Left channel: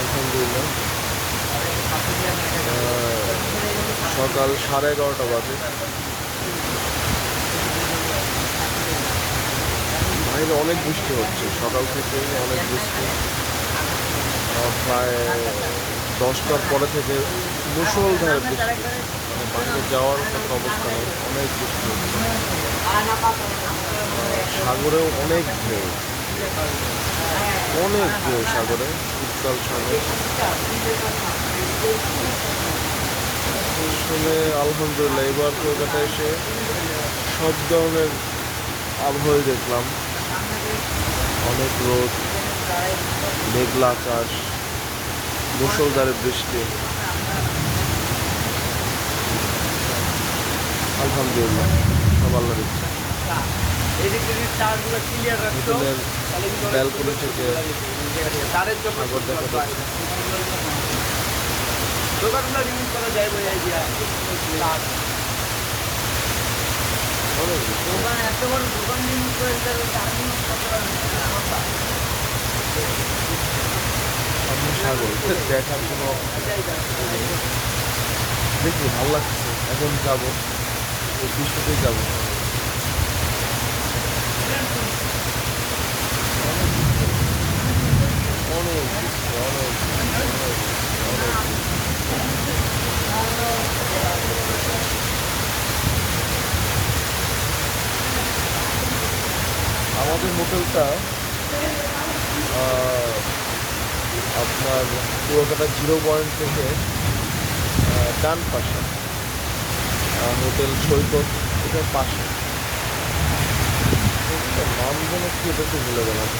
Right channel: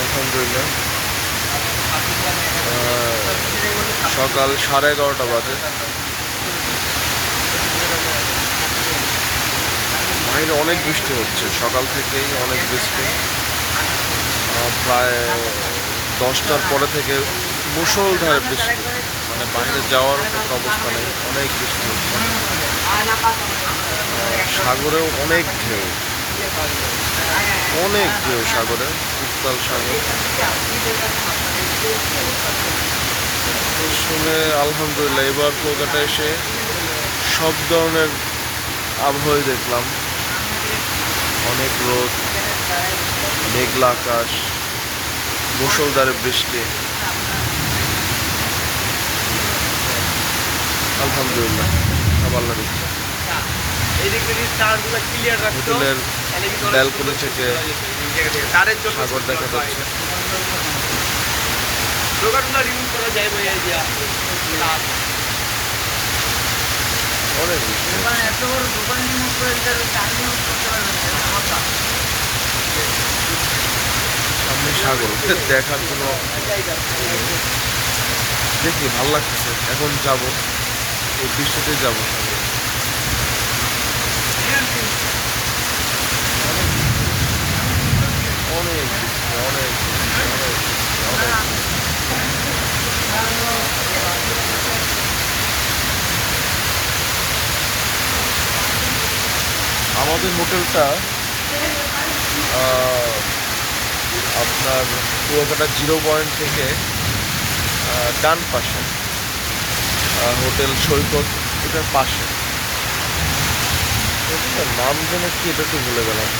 আলহামদুলিল্লাহ। সকাল 11:30 বাজে। বাইরে অনেক বৃষ্টি হচ্ছে, সকাল থেকেই অনেক বৃষ্টি। প্রায় 10টার পরে থেকে মুষলধারে বৃষ্টি, মানে বাইরে যাওয়ার মতো অবস্থা নেই, অনেক বৃষ্টি হচ্ছে। সাগরেও অনেক ঢেউ, অনেক ঢেউ সাগরে, উত্তাল সাগর। শুনে আলহামদুলিল্লাহ, এবার কলকাতা এসে সব ধরনের আবহাওয়াই দেখলাম। অনেক রোদ, মেঘলা আকাশ, মুষলধারে বৃষ্টি। আলহামদুলিল্লাহ, সব আল্লাহর ইচ্ছা। হোটেলের ব্যালকনি থেকে সাগর দেখা যাচ্ছে। অনেক সামনে সাগর দেখার কোনো, দেখি ভালো লাগতেছে। এখন যাব, এই বৃষ্টিতে যাবো। অনেক বৃষ্টি, অনেক বৃষ্টি, অনেক বৃষ্টি, অনেক বৃষ্টি। আমাদের হোটেলটা আপনার কুয়াকাটা 0 পয়েন্ট থেকে ডান পাশে, হোটেল সৈকত, এটার পাশে। হোটেলটার নাম যেন কি, এটা তো ভুলে গেলাম।